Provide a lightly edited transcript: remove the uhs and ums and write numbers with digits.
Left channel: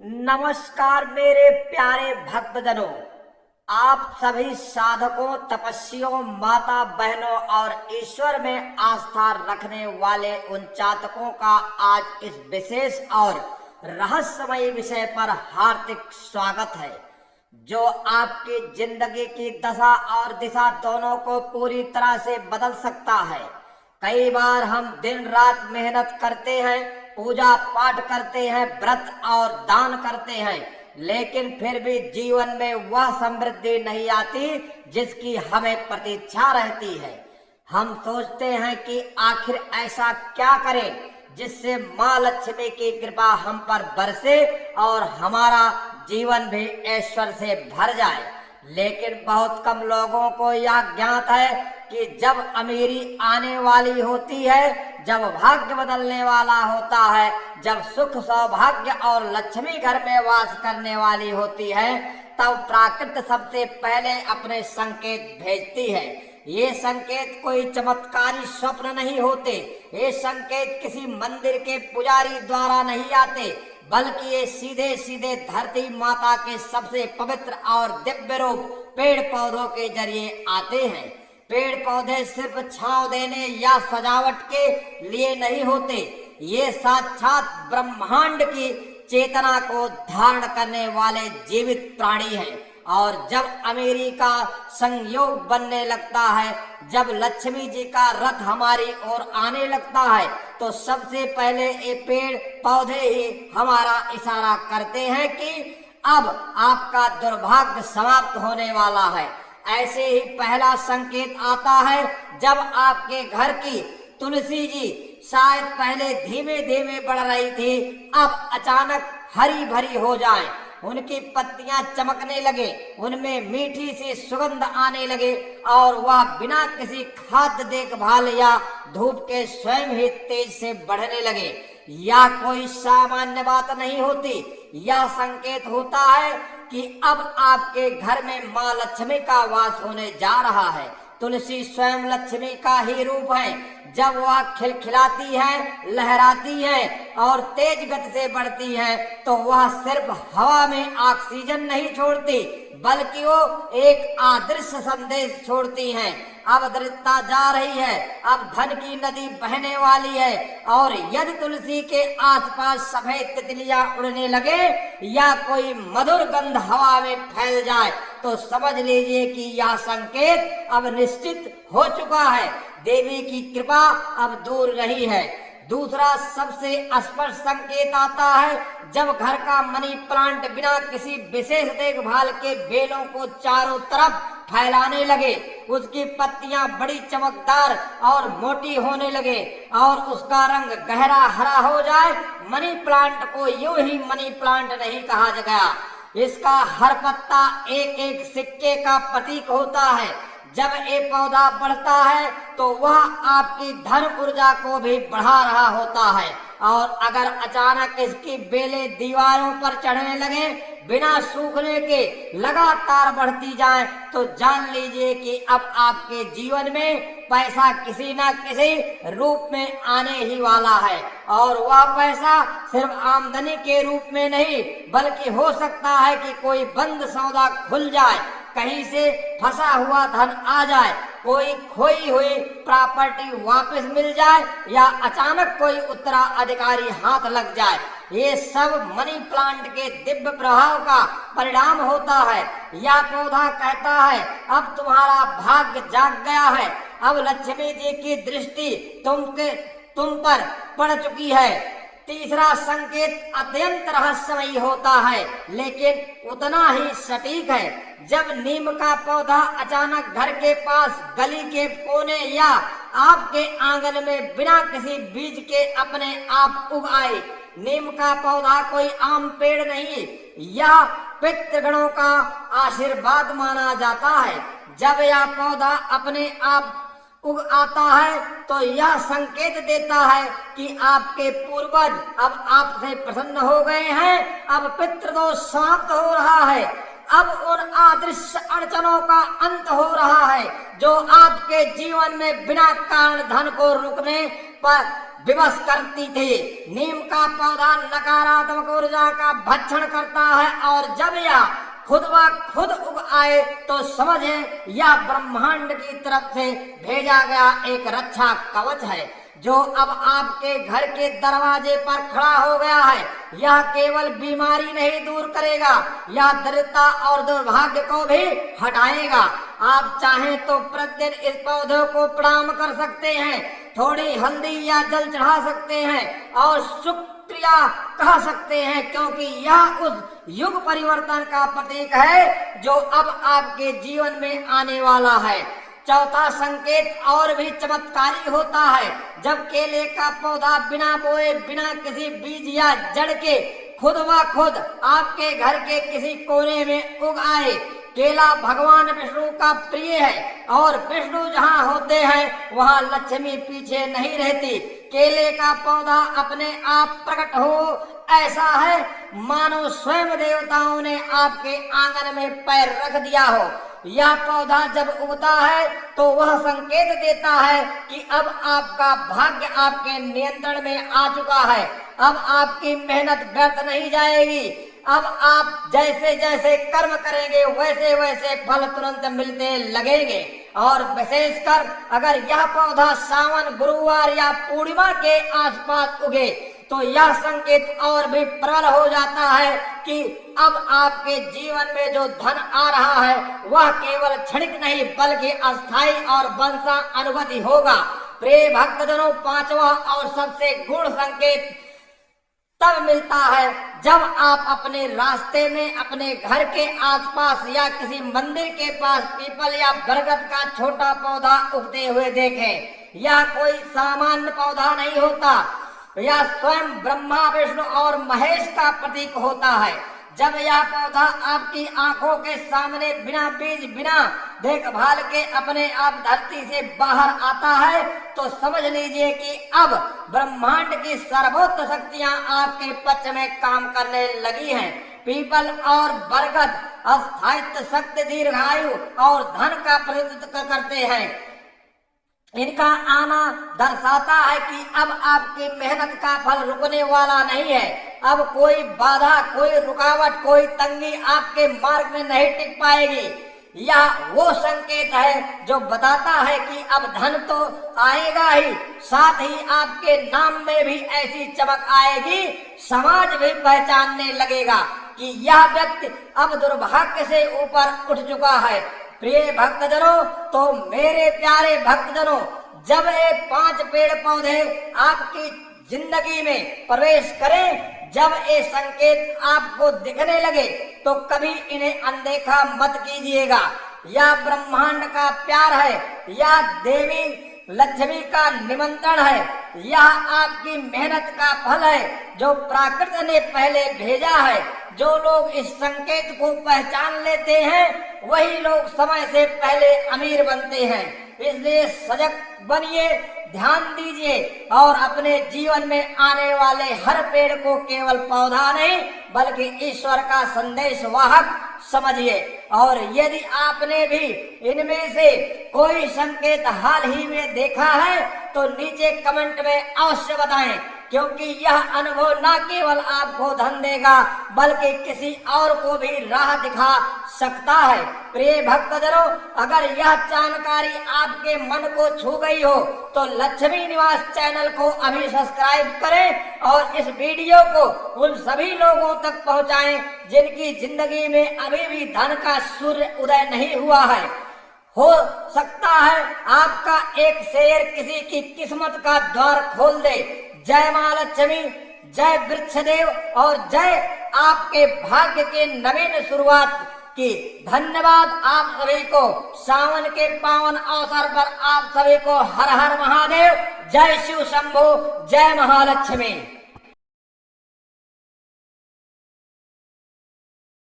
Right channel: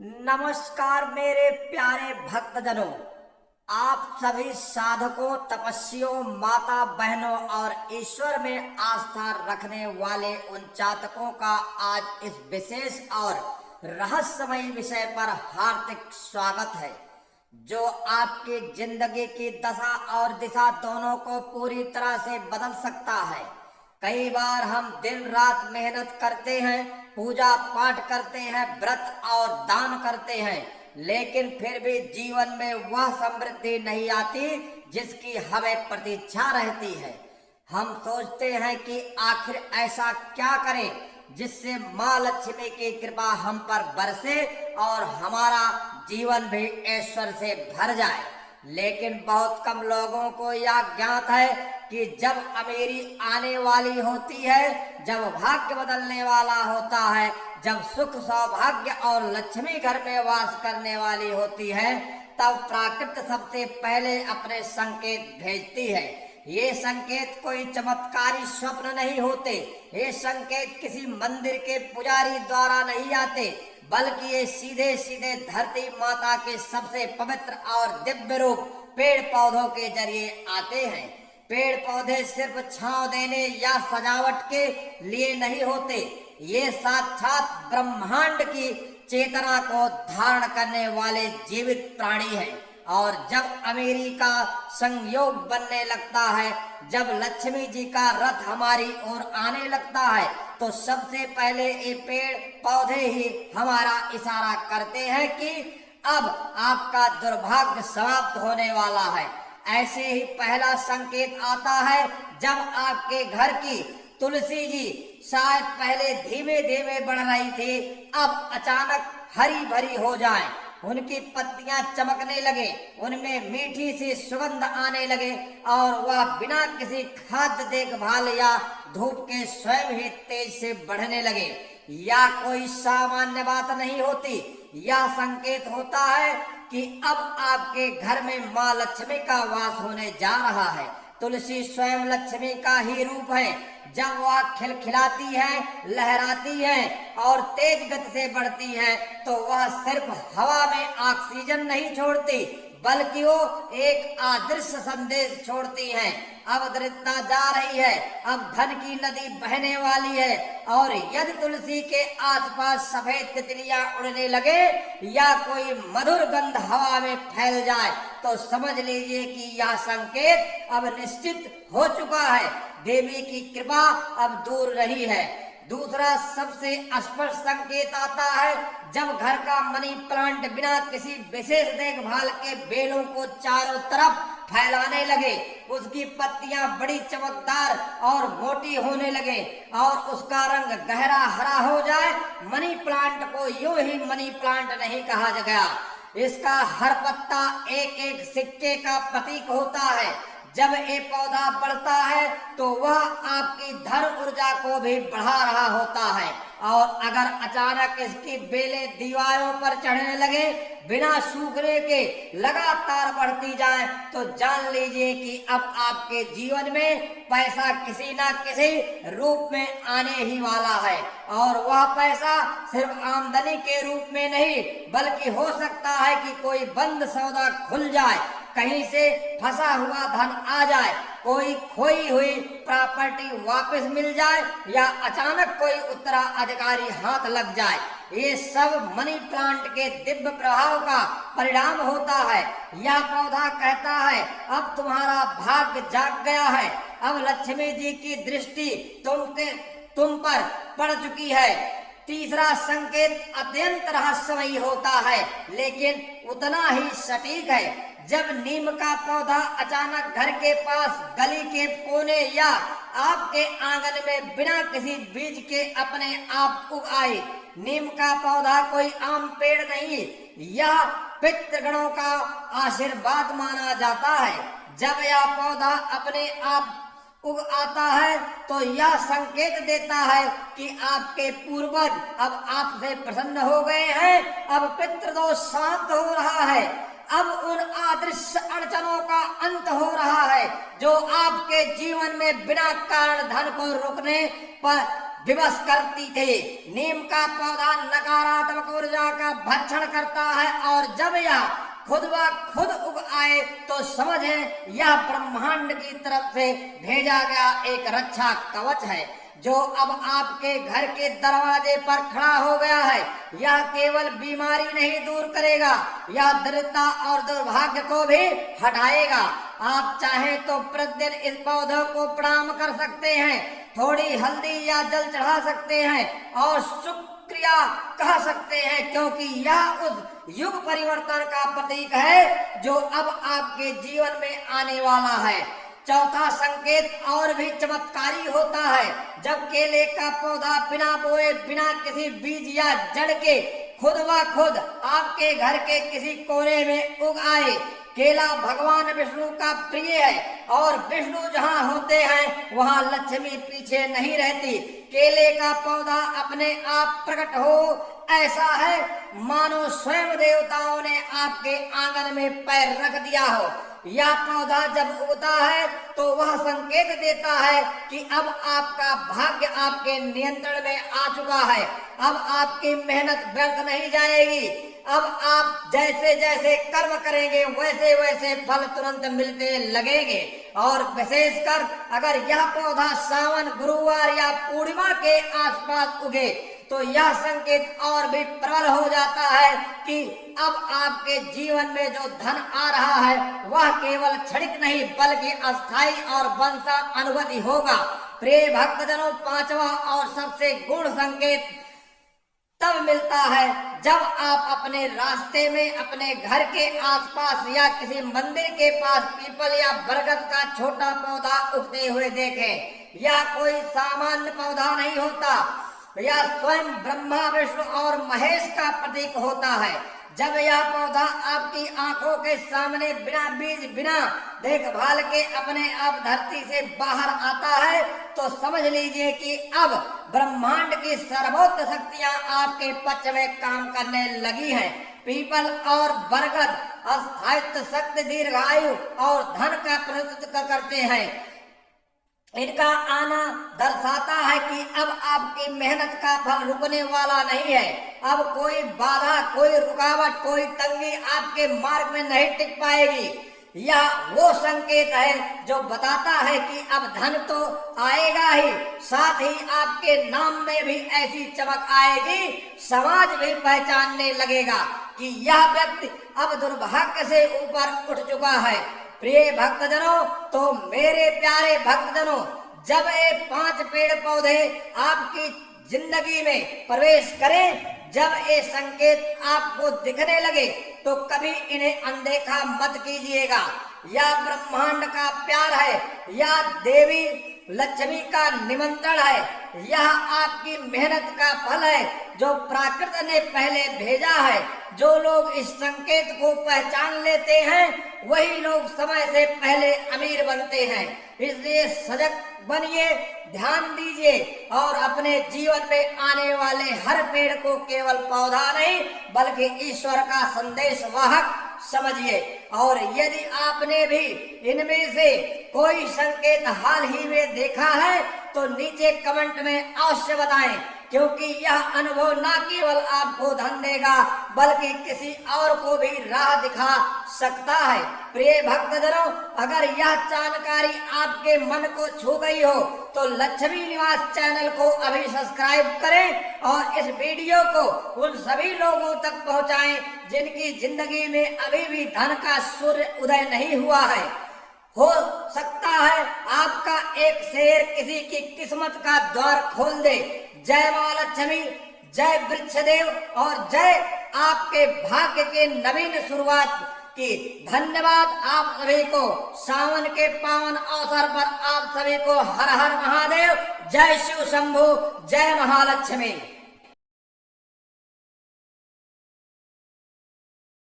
नमस्कार मेरे प्यारे भक्तजनों, आप सभी साधकों, तपस्वियों, माता बहनों और ईश्वर में आस्था रखने वाले उन जातकों का आज इस विशेष और रहस्यमयी विषय पर हार्दिक स्वागत है, जो आपकी जिंदगी की दशा और दिशा दोनों को पूरी तरह से बदल सकता है। कई बार हम दिन रात मेहनत करते हैं, पूजा पाठ करते हैं, व्रत और दान करते हैं, लेकिन फिर भी जीवन में वह समृद्धि नहीं आती जिसकी हमें प्रतीक्षा रहती है। हम सोचते हैं कि आखिर ऐसा क्या करें जिससे माँ लक्ष्मी की कृपा हम पर बरसे और हमारा जीवन भी ऐश्वर्य से भर जाए। लेकिन बहुत कम लोगों को यह ज्ञात है कि जब अमीरी आने वाली होती है, जब भाग्य बदलने वाला होता है, जब सुख सौभाग्य और लक्ष्मी घर में वास करने वाली होती है, तब प्रकृति सबसे पहले अपने संकेत भेजती है। ये संकेत कोई चमत्कारी स्वप्न नहीं होते, ये संकेत किसी मंदिर के पुजारी द्वारा नहीं आते, बल्कि ये सीधे सीधे धरती माता के सबसे पवित्र और दिव्य रूप पेड़ पौधों के जरिए आते हैं। पेड़ पौधे सिर्फ छांव देने या सजावट के लिए नहीं होते, ये साक्षात ब्रह्मांड की चेतना को धारण करने वाले जीवित प्राणी हैं। और जब अमीरी का संयोग बनने लगता है, जब लक्ष्मी जी का रथ हमारी ओर आने लगता है, तो सबसे पहले ये पेड़ पौधे ही हमारा इशारा करते हैं कि अब आपका दुर्भाग्य समाप्त होने वाला है। ऐसे ही पहला संकेत आता है जब आपके घर की तुलसी जी शायद पहले धीमे धीमे बढ़ रही थी, अब अचानक हरी भरी हो जाए, उनकी पत्तियां चमकने लगे, उनमें मीठी सी सुगंध आने लगे और वह बिना किसी खाद्य देखभाल या धूप के स्वयं ही तेज से बढ़ने लगे। यह कोई सामान्य बात नहीं होती, यह संकेत होता है कि अब आपके घर में माँ लक्ष्मी का वास होने जा रहा है। तुलसी स्वयं लक्ष्मी का ही रूप है। जब वह खिलखिलाती है, लहराती है और तेज गति से बढ़ती है, तो वह सिर्फ हवा में ऑक्सीजन नहीं छोड़ती, बल्कि वो एक अदृश्य संदेश छोड़ती है। अब दृढ़ता जा रही है, अब धन की नदी बहने वाली है। और यदि तुलसी के आसपास सफेद तितलियां उड़ने लगे या कोई मधुर गंध हवा में फैल जाए, तो समझ लीजिए कि यह संकेत अब निश्चित हो चुका है, देवी की कृपा अब दूर नहीं है। दूसरा सबसे स्पष्ट संकेत आता है जब घर का मनी प्लांट बिना किसी विशेष देखभाल के बेलों को चारों तरफ फैलाने लगे, उसकी पत्तियां बड़ी चमकदार और मोटी होने लगे और उसका रंग गहरा हरा हो जाए। मनी प्लांट को यूं ही मनी प्लांट नहीं कहा गया, इसका हर पत्ता एक एक सिक्के का प्रतीक होता है। जब ये पौधा बढ़ता है तो वह आपकी धन ऊर्जा को भी बढ़ा रहा होता है, और अगर अचानक इसकी बेलें दीवारों पर चढ़ने लगे, बिना सूखने के लगातार बढ़ती जाए, तो जान लीजिए कि अब आपके जीवन में पैसा किसी न किसी रूप में आने ही वाला है। और वह पैसा सिर्फ आमदनी के रूप में नहीं, बल्कि हो सकता है कि कोई बंद सौदा खुल जाए, कहीं से फंसा हुआ धन आ जाए, कोई खोई हुई प्रॉपर्टी वापस मिल जाए, या अचानक कोई उत्तराधिकारी हाथ लग जाए। ये सब मनी प्लांट के दिव्य प्रभाव का परिणाम होता है। यह पौधा कहता है अब तुम्हारा भाग्य जाग गया है, अब लक्ष्मी जी की दृष्टि तुम पर पड़ चुकी है। तीसरा संकेत अत्यंत रहस्यमयी होता है, लेकिन उतना ही सटीक है। जब नीम का पौधा अचानक घर के पास, गली के कोने या आपके आंगन में बिना किसी बीज के अपने आप उग आए। नीम का पौधा कोई आम पेड़ नहीं, यह पितृगणों का आशीर्वाद माना जाता है। जब यह पौधा अपने आप उग आता है तो यह संकेत देता है कि आपके पूर्वज अब आपसे प्रसन्न हो गए हैं, अब पितृदोष समाप्त हो रहा है, अब उन अदृश्य अड़चनों का अंत हो रहा है जो आपके जीवन में बिना कारण धन को रुकने पर विवश करती थी। नीम का पौधा नकारात्मक ऊर्जा का भक्षण करता है और जब यह खुद ब खुद उग आए तो समझें यह ब्रह्मांड की तरफ से भेजा गया एक रक्षा कवच है जो अब आपके घर के दरवाजे पर खड़ा हो गया है। यह केवल बीमारी नहीं दूर करेगा, यह दरिद्रता और दुर्भाग्य को भी हटाएगा। आप चाहें तो प्रतिदिन इस पौधे को प्रणाम कर सकते हैं, थोड़ी हल्दी या जल चढ़ा सकते हैं और शुक्रिया कह सकते हैं, क्योंकि यह उस युग परिवर्तन का प्रतीक है जो अब आपके जीवन में आने वाला है। चौथा संकेत और भी चमत्कारी होता है। जब केले का पौधा बिना बोए, बिना किसी बीज या जड़ के खुद ब खुद आपके घर के किसी कोने में उग आए। केला भगवान विष्णु का प्रिय है और विष्णु जहाँ होते हैं वहाँ लक्ष्मी पीछे नहीं रहती। केले का पौधा अपने आप प्रकट हो, ऐसा है मानो स्वयं देवताओं ने आपके आंगन में पैर रख दिया हो। यह पौधा जब उगता है तो वह संकेत देता है कि अब आपका भाग्य आपके नियंत्रण में आ चुका है। अब आपकी मेहनत व्यर्थ नहीं जाएगी। अब आप जैसे जैसे कर्म करेंगे वैसे वैसे फल तुरंत मिलते लगेंगे। और विशेषकर अगर यह पौधा सावन, गुरुवार या पूर्णिमा के आसपास उगे तो यह संकेत और भी प्रबल हो जाता है कि अब आपके जीवन में जो धन आ रहा है वह केवल क्षणिक नहीं बल्कि अस्थायी और वंशा अनुभूति होगा। प्रिय भक्तजनों, पांचवा और सबसे गुण संकेत तब मिलता है जब आप अपने रास्ते में अपने घर के आसपास या किसी मंदिर के पास पीपल या बरगद का छोटा पौधा उगते हुए देखें। यह कोई सामान्य पौधा नहीं होता, यह स्वयं ब्रह्मा, विष्णु और महेश का प्रतीक होता है। जब यह पौधा आपकी आंखों के सामने बिना बीज, बिना देखभाल के अपने आप धरती से बाहर आता है तो समझ लीजिए कि अब ब्रह्मांड की सर्वोच्च शक्तियां आपके पक्ष में काम करने लगी हैं। पीपल और बरगद अस्थायित्व, शक्ति, दीर्घायु और धन का प्रतिनिधित्व करते हैं। इनका आना दर्शाता है कि अब आपकी मेहनत का फल रुकने वाला नहीं है। अब कोई बाधा, कोई रुकावट, कोई तंगी आपके मार्ग में नहीं टिक पाएगी। यह वो संकेत है जो बताता है कि अब धन तो आएगा ही, साथ ही आपके नाम में भी ऐसी चमक आएगी, समाज भी पहचानने लगेगा कि यह व्यक्ति अब दुर्भाग्य से ऊपर उठ चुका है। प्रिय भक्तजनों, तो मेरे प्यारे भक्तजनों, जब ये 5 पेड़ पौधे आपकी जिंदगी में प्रवेश करें, जब ये संकेत आपको दिखने लगे तो कभी इन्हें अनदेखा मत कीजिएगा। यह ब्रह्मांड का प्यार है, यह देवी लक्ष्मी का निमंत्रण है, यह आपकी मेहनत का फल है जो प्रकृति ने पहले भेजा है। जो लोग इस संकेत को पहचान लेते हैं वही लोग समय से पहले अमीर बनते हैं। इसलिए सजग बनिए, ध्यान दीजिए और अपने जीवन में आने वाले हर पेड़ को केवल पौधा नहीं बल्कि ईश्वर का संदेश वाहक समझिए। और यदि आपने भी इनमें से कोई संकेत हाल ही में देखा है तो नीचे कमेंट में अवश्य बताएं, क्योंकि यह अनुभव न केवल आपको धन देगा बल्कि किसी और को भी राह दिखा सकता है। प्रिय भक्तजनों, अगर यह जानकारी आपके मन को छू गई हो तो लक्ष्मी निवास चैनल को अभी सब्सक्राइब करें और इस वीडियो को उन सभी लोगों तक पहुंचाएं जिनकी जिंदगी में अभी भी धन का सूर्य उदय नहीं हुआ है। हो सकता है आपका एक शेयर किसी की किस्मत का द्वार खोल दे। जय मां लक्ष्मी, जय वृक्षदेव और जय आपके भाग्य की नवीन शुरुआत की। धन्यवाद आप सभी को। सावन के पावन अवसर पर आप सभी को हर हर महादेव, जय शिव शंभो, जय महालक्ष्मी।